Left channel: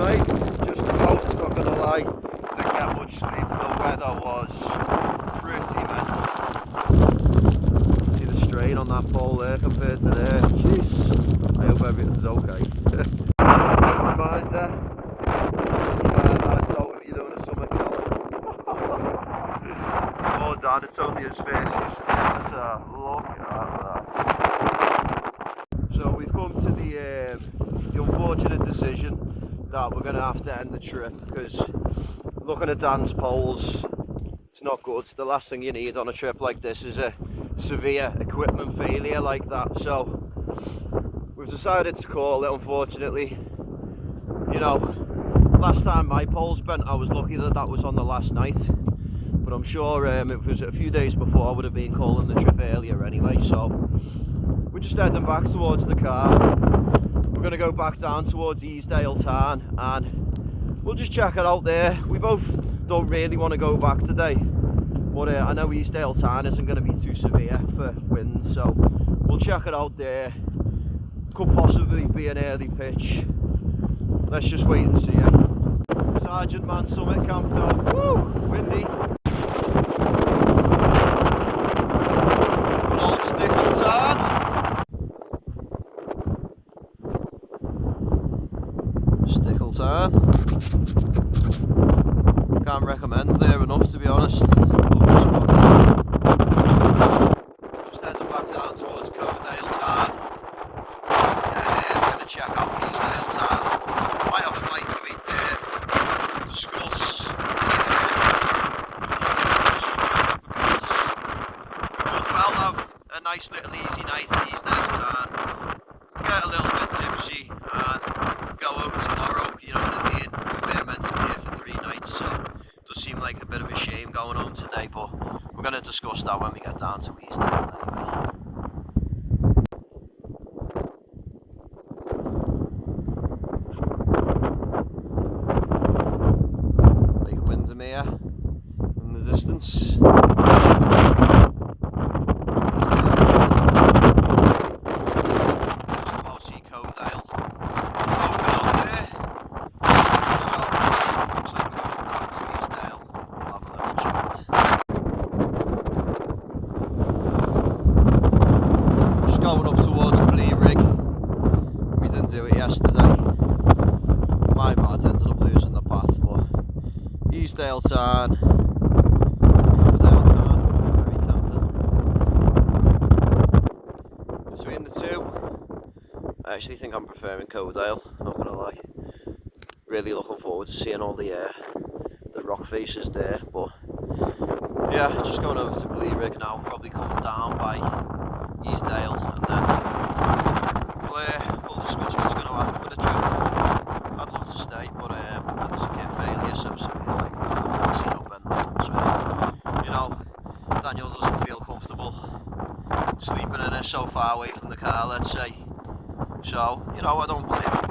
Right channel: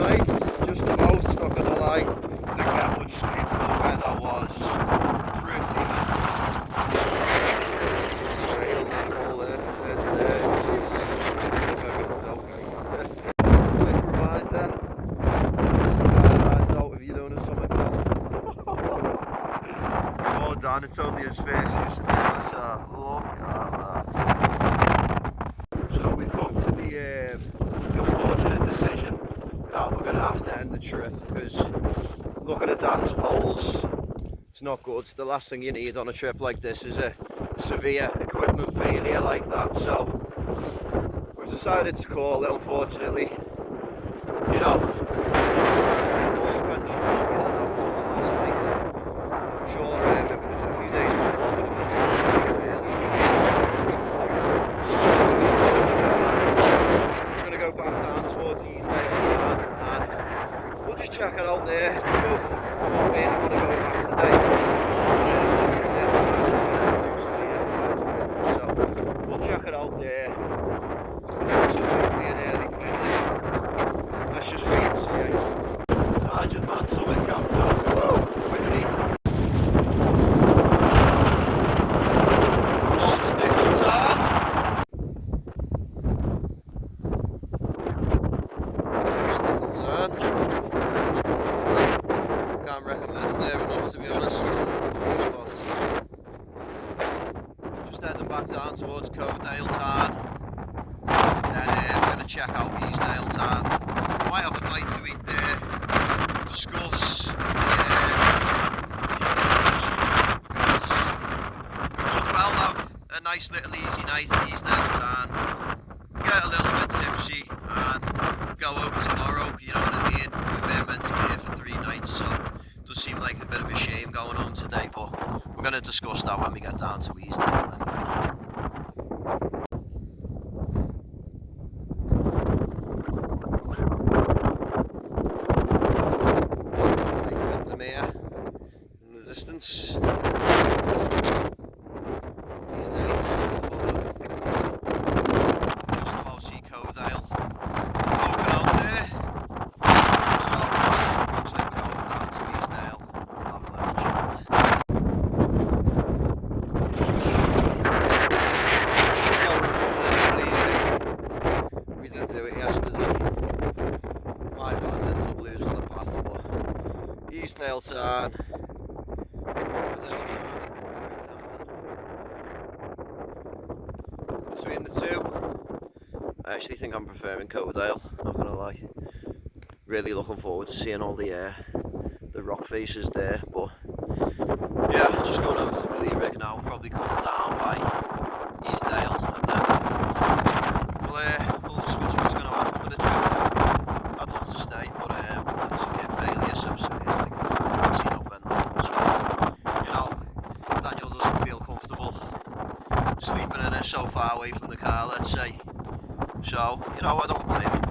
night, just about, not gonna lie. Didn't get much sleep, the weather was pretty mental. Strain on that pole there compared to there. Jeez, hope everything's okay. Just a quick reminder, you better hands out if you're doing a summer camp. Oh Dan, it's only his face used to do, so look at that. So we've come to the unfortunate decision that we're going to have to end the trip, because looking at Dan's poles, it's not good. The last thing you need on a trip like this is a severe equipment failure like that. So we've decided to call it, unfortunately. You know, last time my poles bent, I was lucky that that was on the last night. But I'm sure if it was a few days before, I would have been calling the trip earlier. So we're just heading back towards the car. We're going to go back down towards Easedale Tarn and we'll just check it out there. We both don't really want to go back today, but I know Easedale Tarn isn't going to be too severe for wind, so we'll check it out there. Could possibly be an early pitch. Let's just wait and see. Sergeant Man Summit Camp now. Woo! Windy. Good old Easedale Tarn. Tarn. Can't recommend there enough, to be honest. Just heading back down towards Easedale Tarn. Then we're going to check out Easedale Tarn. Might have a bite to eat there. Discuss could well have a nice little easy night at Easedale Tarn. Get a little bit tipsy and go home tomorrow, you know what I mean? We were meant to be here for 3 nights, so it does seem like a bit of a shame going home today, but we're going to discuss that when we get down to Easedale anyway. Like Windermere in the distance. Do it yesterday. My bad, ended up losing the path, but Easedale Tarn. Very tempting. Between the two, I actually think I'm preferring Codale, not gonna lie. Really looking forward to seeing all the rock faces there, but yeah, just going over to Bleerig now, probably come down by Easedale and then we'll discuss what's going to happen with the trip. I'd love to stay, but there's a kid failure, so I've seen up and so, you know, Daniel doesn't feel comfortable sleeping in it so far away from the car, let's say. So, you know, I don't blame him.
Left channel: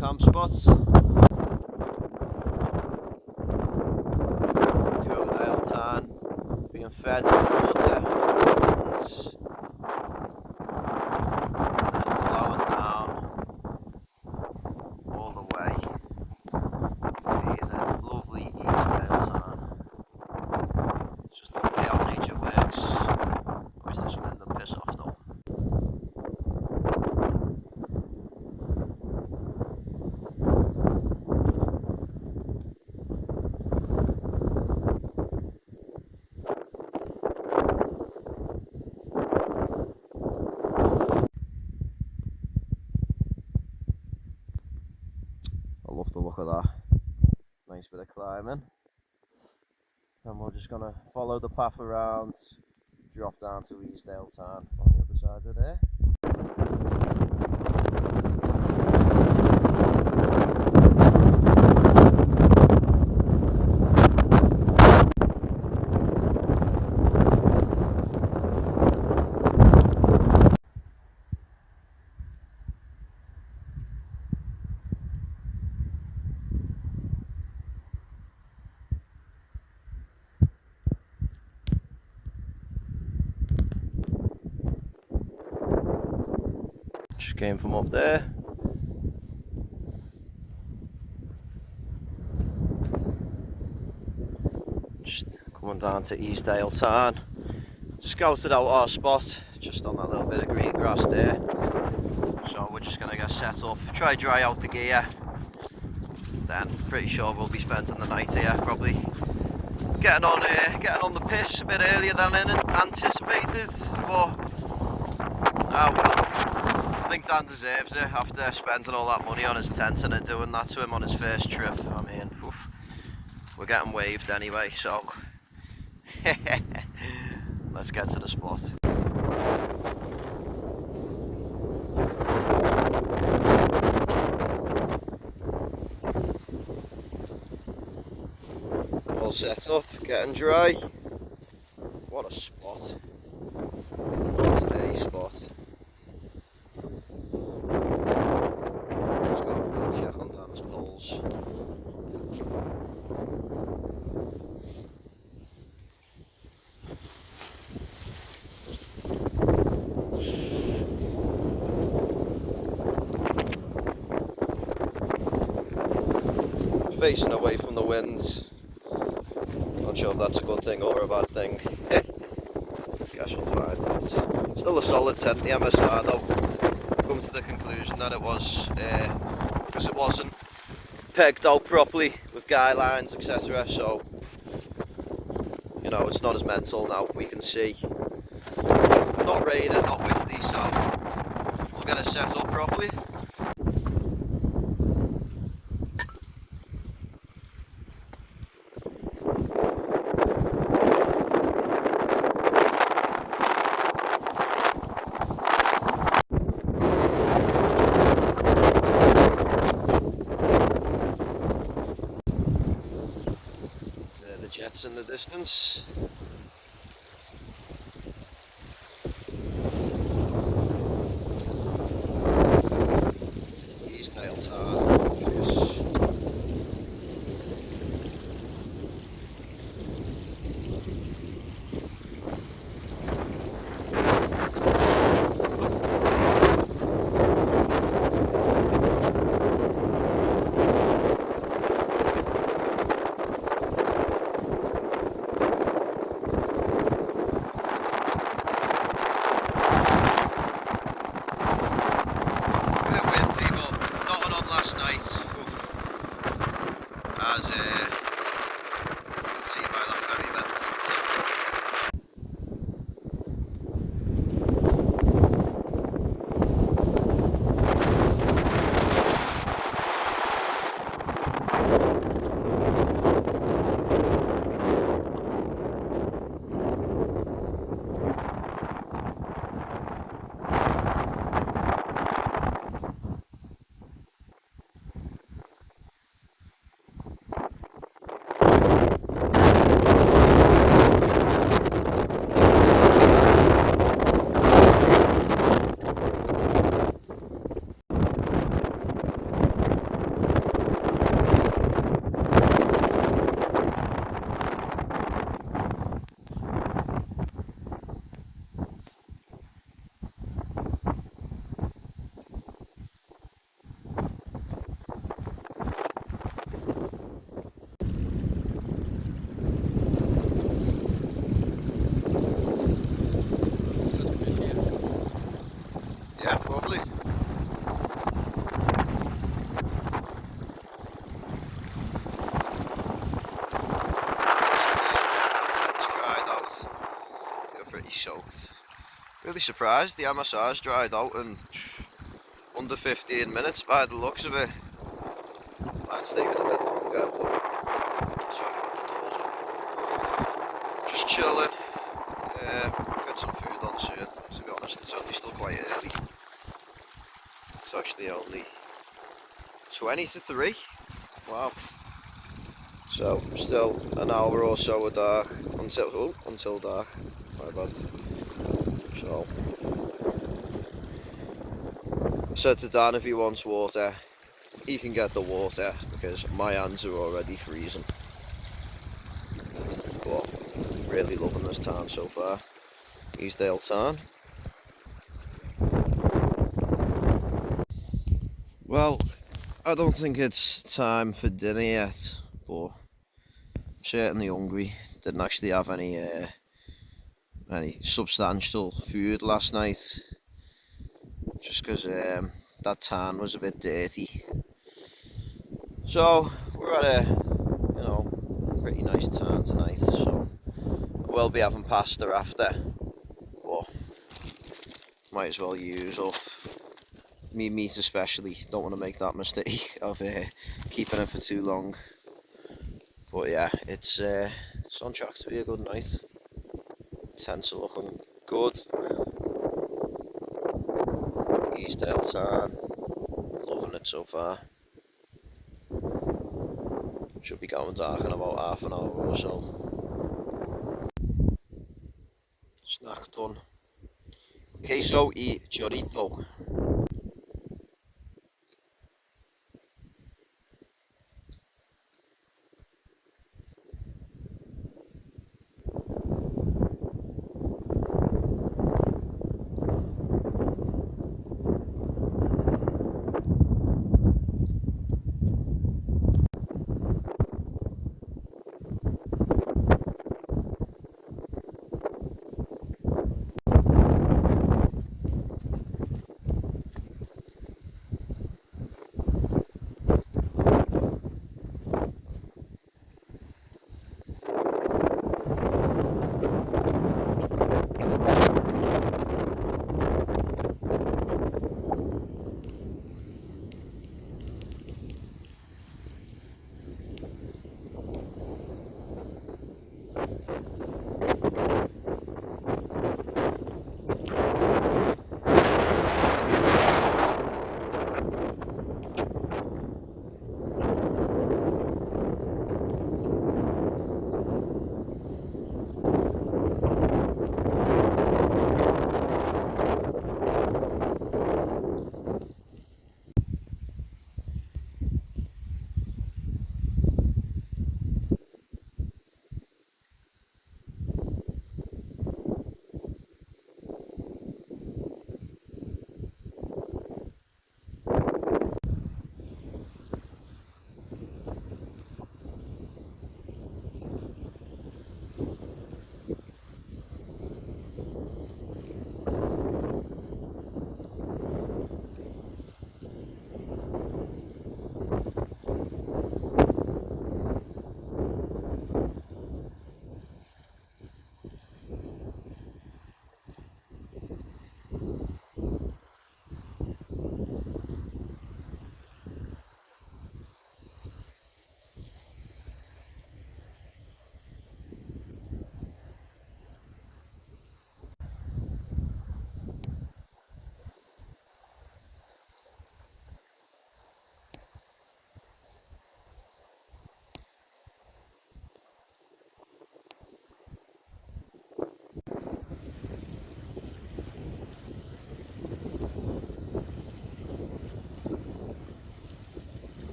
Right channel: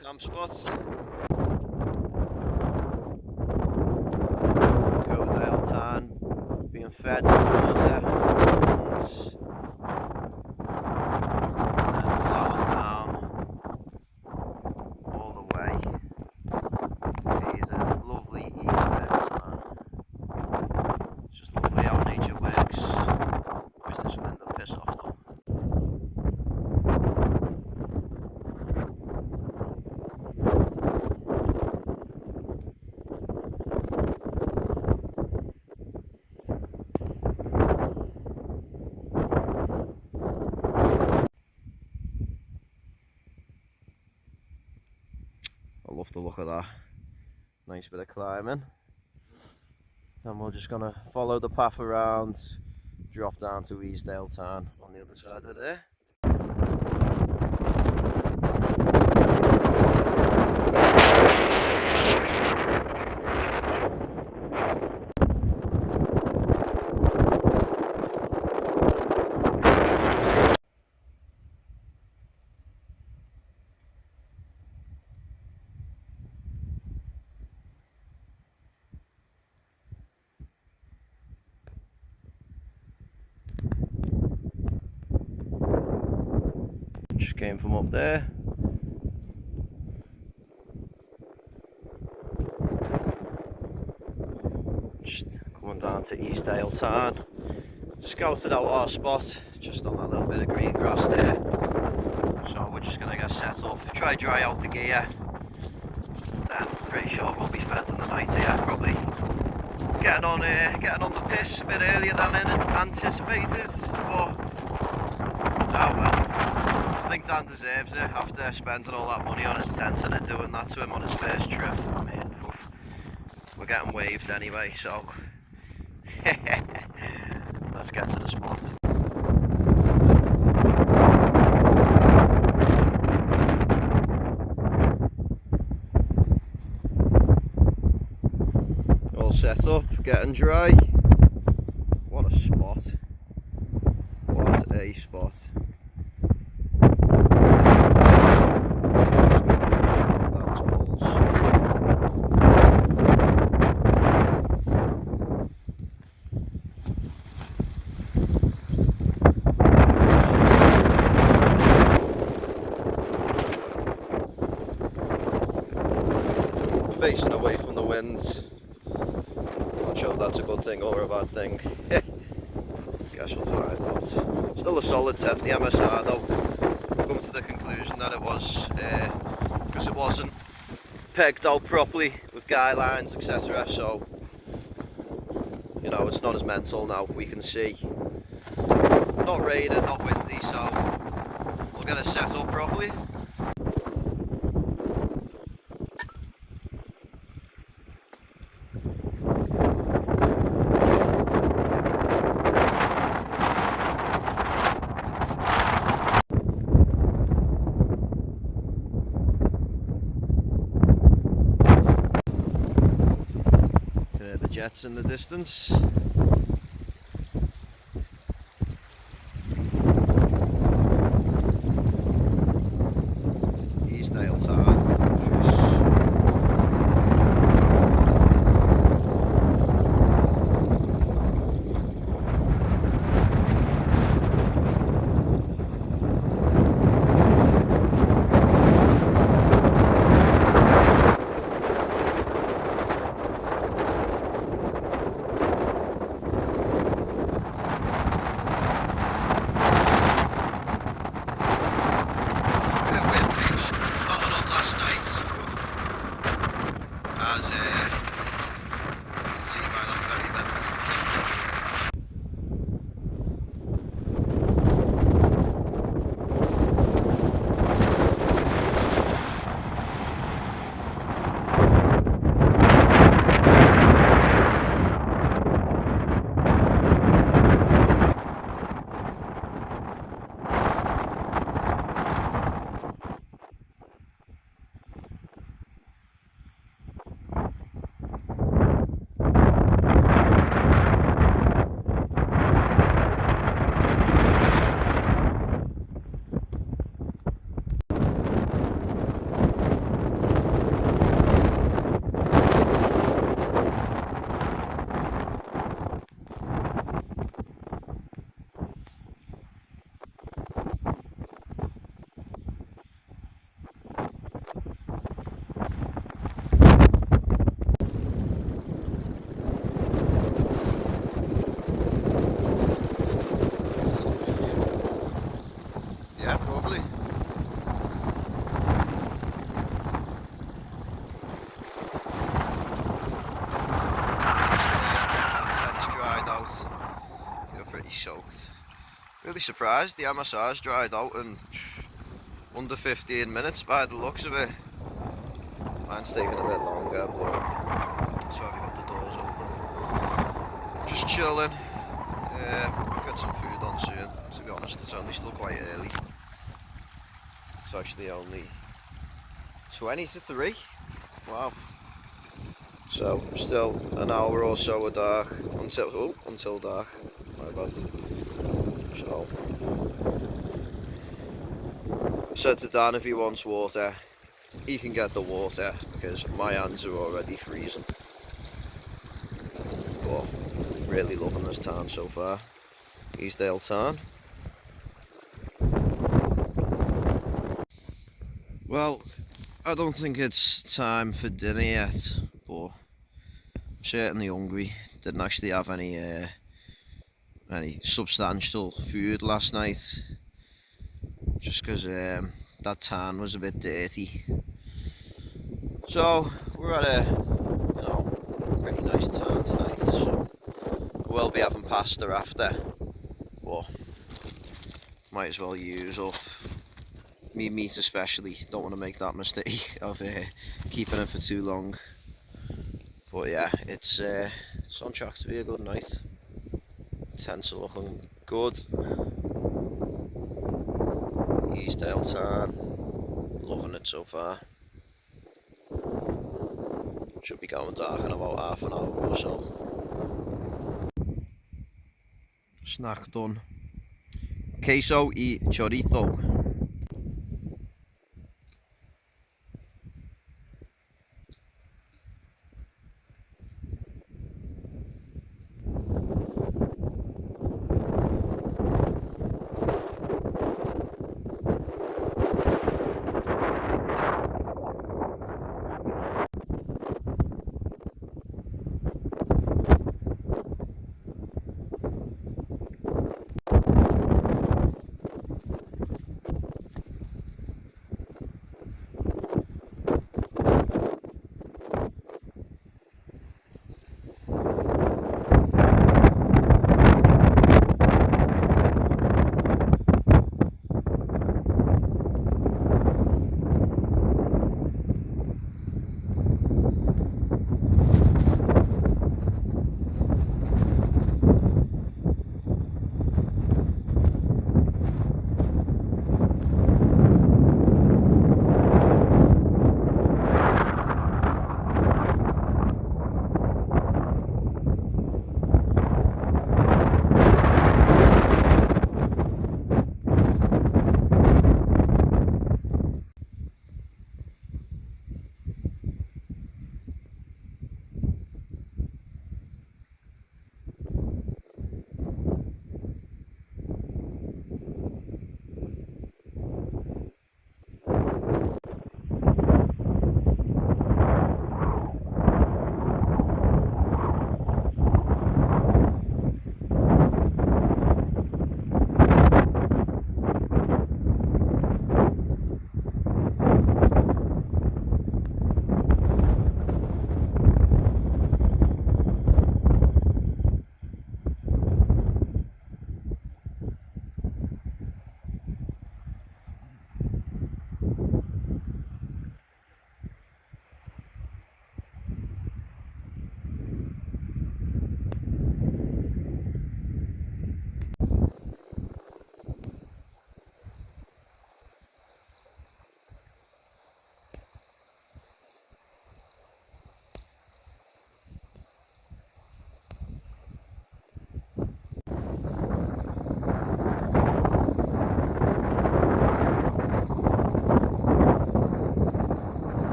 Camp spots. Easedale Tarn being fed to the water from the mountains and then flowing down all the way. Here's a lovely Easedale Tarn. It's just lovely how nature works. Always this wind and piss off though. I love the look of that. Nice bit of climbing. And we're just gonna follow the path around, drop down to Easedale Tarn on the other side of there. came from up there. Just coming down to Easedale Tarn. Scouted out our spot just on that little bit of green grass there. So we're just going to get set up, try dry out the gear. Then pretty sure we'll be spending the night here, probably getting on the piss a bit earlier than anticipated. But well, I think Dan deserves it after spending all that money on his tent and doing that to him on his first trip. I mean, we're getting waved anyway, so let's get to the spot. All set up, getting dry. What a spot. What a spot. Let's go over and check on Dan's poles. Facing away from the wind. Not sure if that's a good thing or a bad thing. Guess we'll find out. Still a solid tent, the MSR though. Come to the conclusion that it was, because it wasn't pegged out properly with guy lines, etc. So, you know, it's not as mental now. We can see. Not raining, not windy, so we'll get it set up properly. Jets in the distance. Easedale Tarn. As you can see by that very vent. Yeah, probably. Tent's dried out. They're pretty soaked. Really surprised the MSR's dried out in under 15 minutes by the looks of it. Mine's taking a bit longer, but so I've got the doors open. Just chilling. Get some food on soon. To be honest, it's only still quite early. It's actually only 20 to 3. Wow. So still an hour or so of dark until dark. My bad. So said to Dan if he wants water, he can get the water because my hands are already freezing. But really loving this tarn so far. Easedale Tarn. Well, I don't think it's time for dinner yet, but I'm certainly hungry. Didn't actually have any substantial food last night, just because that tarn was a bit dirty. So we're at a, pretty nice tarn tonight. So we'll be having pasta after, but might as well use up me meat especially. Don't want to make that mistake of keeping it for too long. But yeah, it's on track to be a good night. Tents are looking good. Easedale Tarn, loving it so far. Should be going dark in about half an hour or so. Snack done. Queso y chorizo.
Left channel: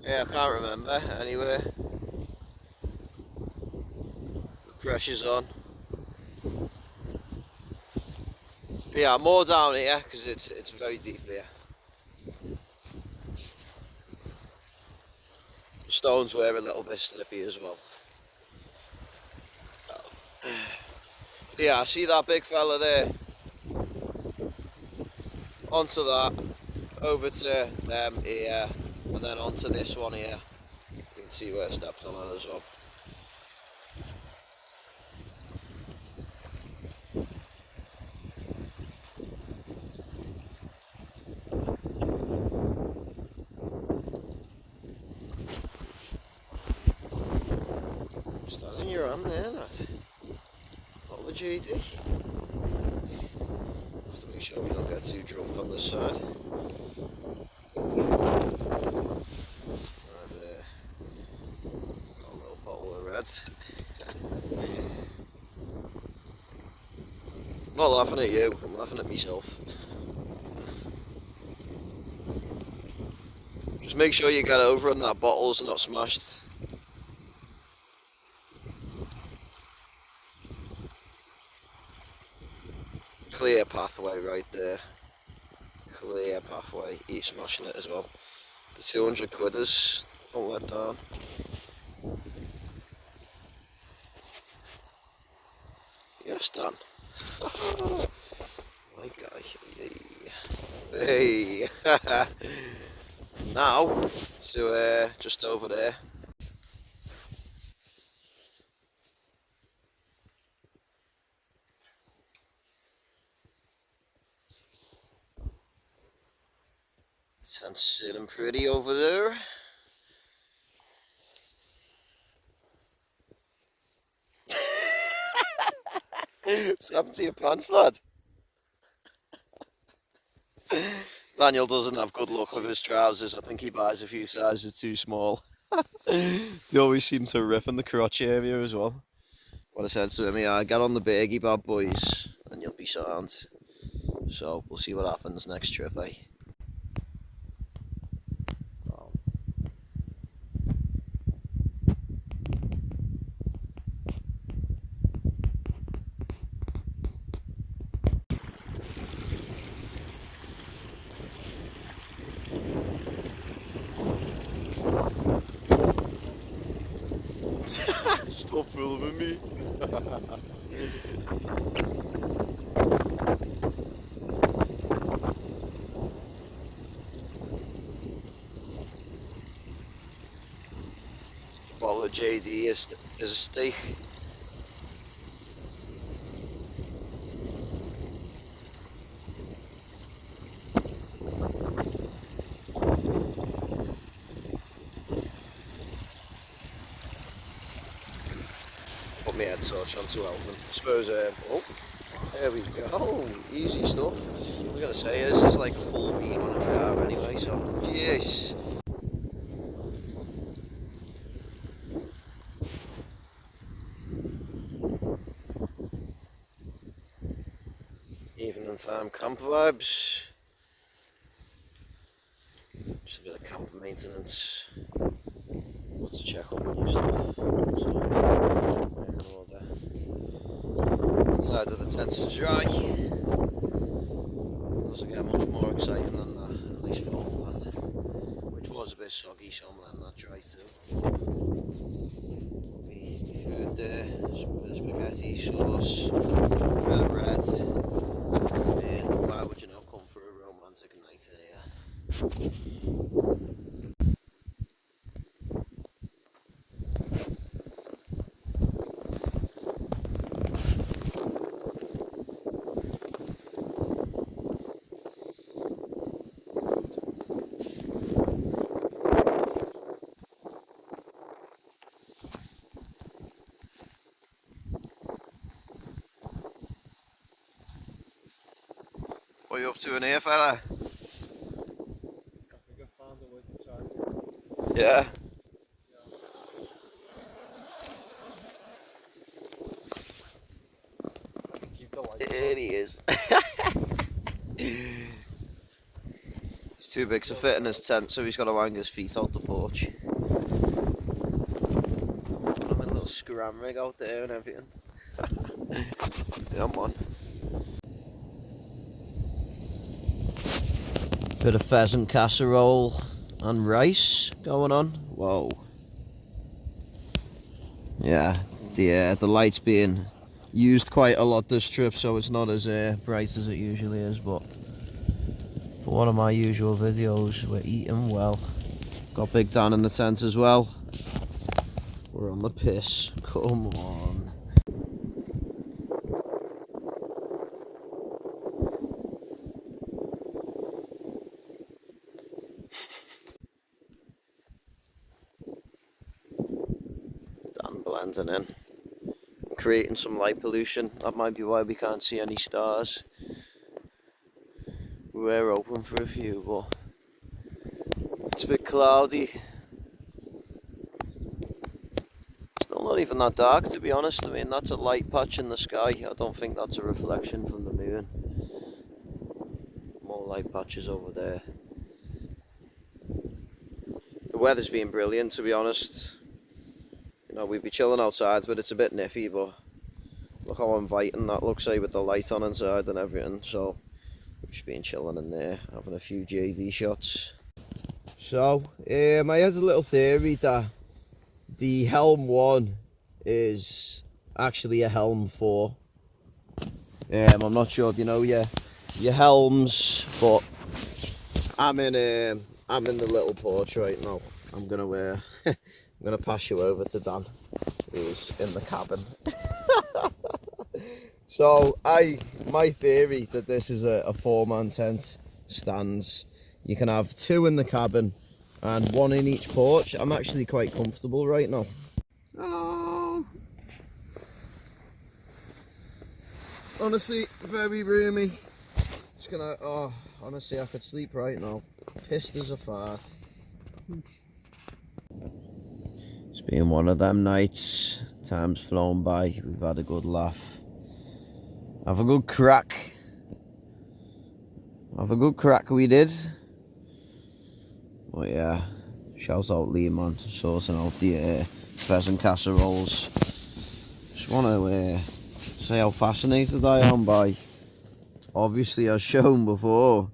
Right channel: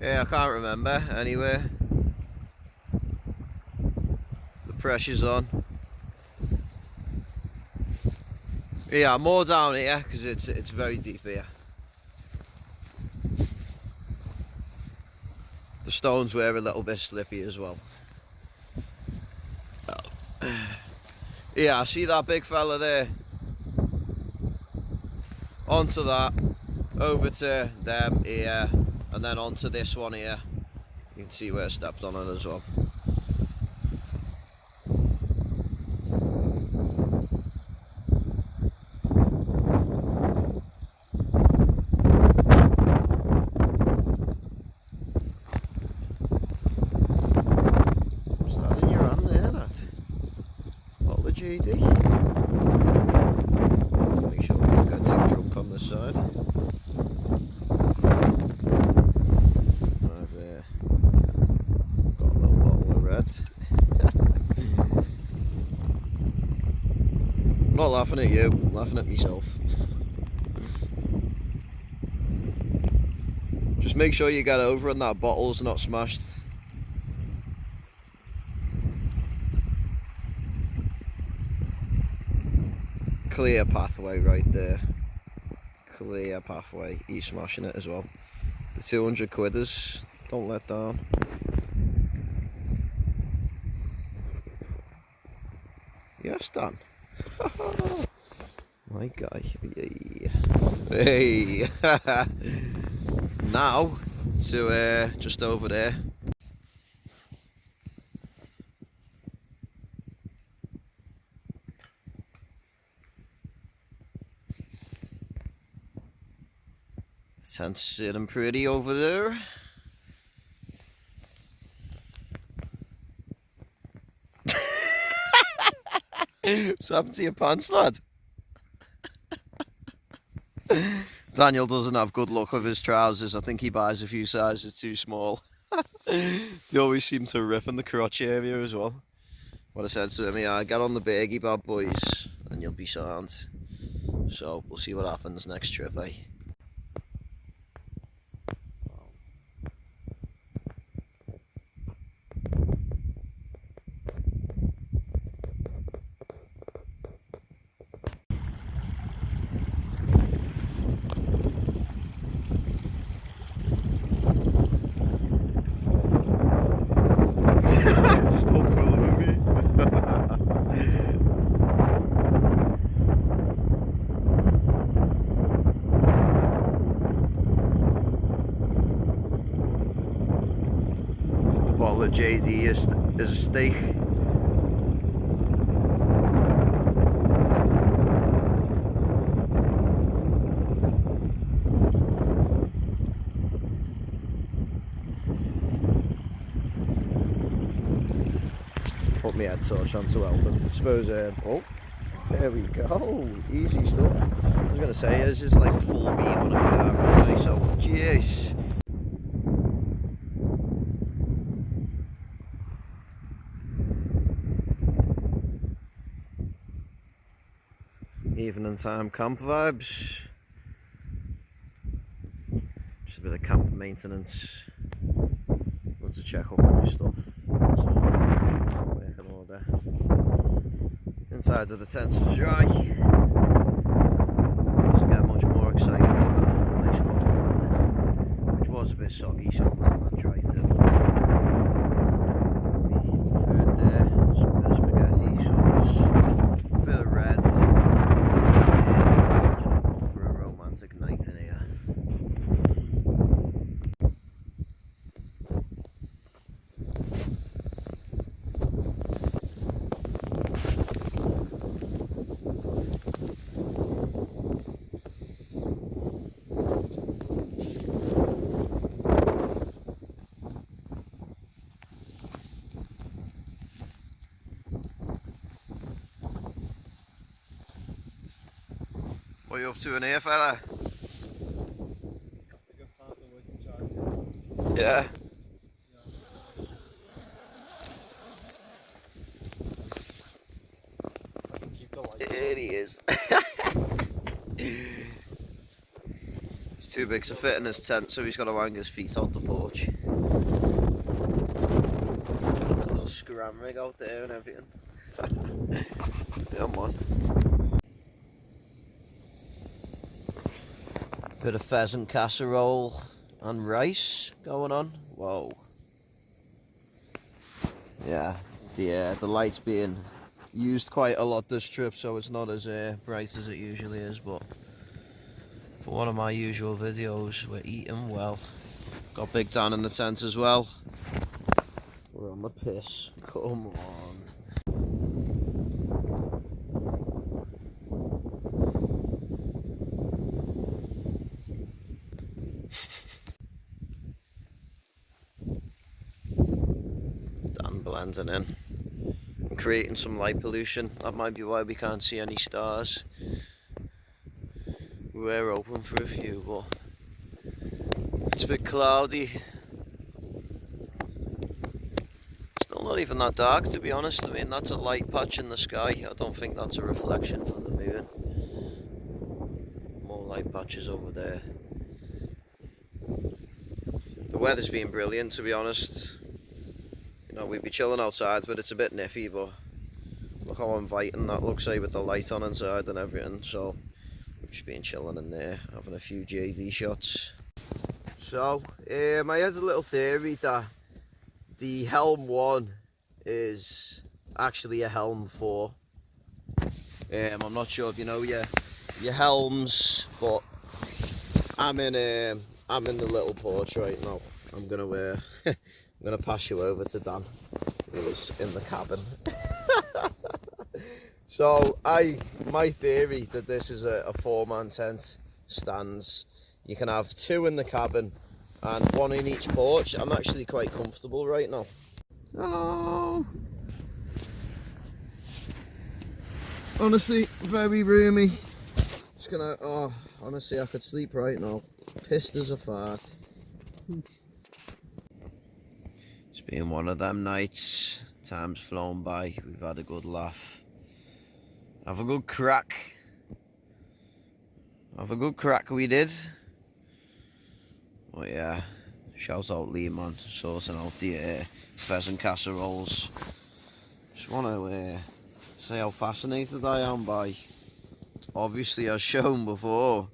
Yeah, I can't remember. Anyway, the pressure's on. Yeah, more down here because it's very deep here. The stones were a little bit slippy as well. Yeah, I see that big fella there. Onto that, over to them here, and then onto this one here. You can see where I stepped on it as well. Just in your hand there, that. What the GD? Just to make sure we don't get too drunk on this side. Right there. Got a little bottle of red. not laughing at you, I'm laughing at myself. Just make sure you get over and that bottle's not smashed. Clear pathway right there. Clear pathway. He's smashing it as well. The 200 quidders, don't let down. Yes, Dan. My guy. Hey. Now to just over there. Tent's sitting pretty over there. What's happened to your pants, lad? Daniel doesn't have good luck with his trousers. I think he buys a few sizes too small. They always seem to rip in the crotch area as well. What I said to him, yeah, get on the biggie bad boys and you'll be sound. So we'll see what happens next trip, eh? Stop filming me. The bottle of JD is a steak. Put my head torch on to help him. I suppose, oh, there we go, easy stuff. I was going to say, this is like a full beam on a car anyway, so, jeez. Evening time camp vibes. Just a bit of camp maintenance. Got to check up on new stuff. So, make an order. Inside of the tents to dry. Doesn't get much more exciting than that. Nice foam mat, which was a bit soggy, so I'm letting that dry too. Me food there, some bit of spaghetti, sauce, a bit of reds. Why would you not come for a romantic night in here? What are you up to in here, fella? Yeah. There he is. He's too big to fit in his tent, so he's got to hang his feet out the porch. Got a little scram rig out there and everything. Come on. Bit of pheasant casserole and rice going on. Whoa. Yeah, the light's being used quite a lot this trip, so it's not as bright as it usually is, but for one of my usual videos, we're eating well. Got Big Dan in the tent as well. We're on the piss. Come on. Dan blending in. Creating some light pollution. That might be why we can't see any stars. We're open for a few, but it's a bit cloudy. Still not even that dark, to be honest. I mean, that's a light patch in the sky. I don't think that's a reflection from the moon. doing. More light patches over there. The weather's been brilliant, to be honest. You know, we'd be chilling outside, but it's a bit nippy, but look how inviting that looks like with the light on inside and everything. So we've just been chilling in there, having a few JD shots. So, I had a little theory that the Helm 1 is actually a Helm 4. I'm not sure if you know your helms, but I'm in the little porch right now. I'm gonna pass you over to Dan, who's in the cabin. So my theory that this is a 4-man tent stands. You can have 2 in the cabin and 1 in each porch. I'm actually quite comfortable right now. Hello. Honestly, very roomy. Just gonna, honestly, I could sleep right now. Pissed as a fart. It's been one of them nights. Time's flown by. We've had a good laugh. Have a good crack. We did. But yeah, shout out Lee, man, sorting out the pheasant casseroles. Just want to say how fascinated I am by, obviously as shown before,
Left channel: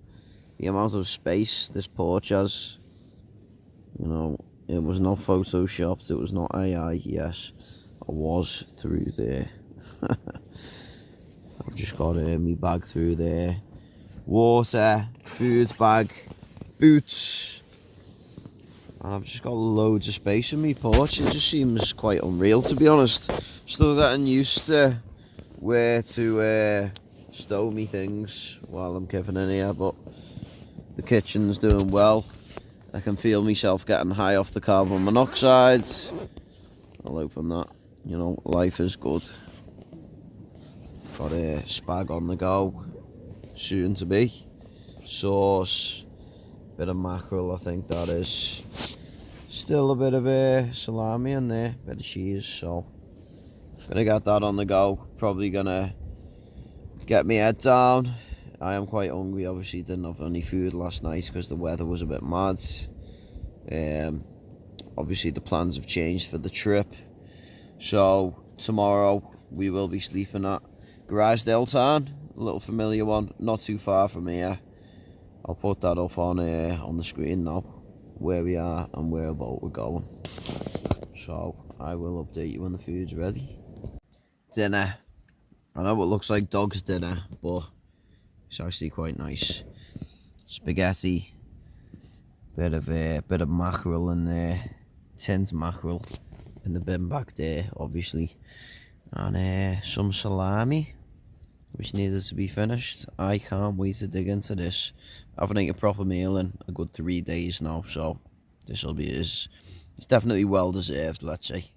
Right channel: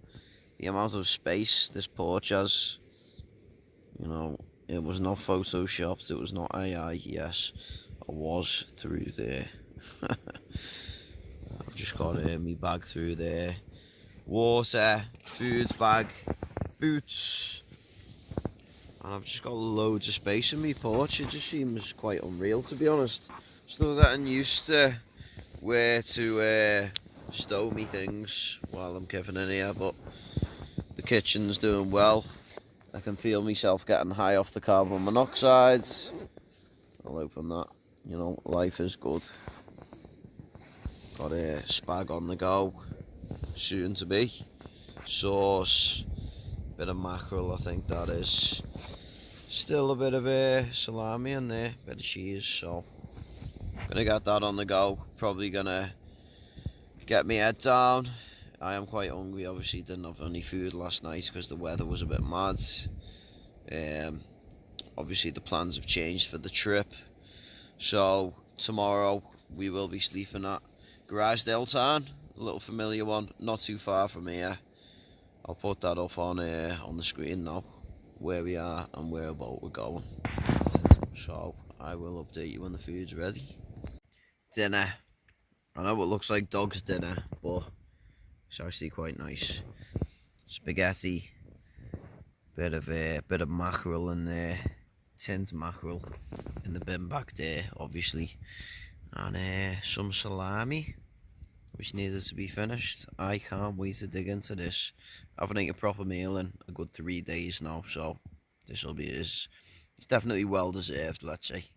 the amount of space this porch has. You know, it was not photoshopped, it was not AI. Yes, I was through there. I've just got my bag through there, water, food bag, boots, and I've just got loads of space in my porch. It just seems quite unreal, to be honest. Still getting used to where to stow me things while I'm camping in here, but the kitchen's doing well. I can feel myself getting high off the carbon monoxide. I'll open that. You know, life is good. Got a spag on the go, soon to be. Sauce, bit of mackerel, I think that is. Still a bit of salami in there, bit of cheese, so gonna get that on the go. Probably gonna get my head down. I am quite hungry. Obviously didn't have any food last night because the weather was a bit mad. Obviously the plans have changed for the trip, so tomorrow we will be sleeping at Easedale Tarn, a little familiar one, not too far from here. I'll put that up on the screen now, where we are and where about we're going. So I will update you when the food's ready. Dinner. I know it looks like dog's dinner, but it's actually quite nice. Spaghetti, bit of mackerel in there, tinned mackerel in the bin back there, obviously, and some salami, which needed to be finished. I can't wait to dig into this. I haven't eaten a proper meal in a good 3 days now, so it's definitely well deserved, let's say.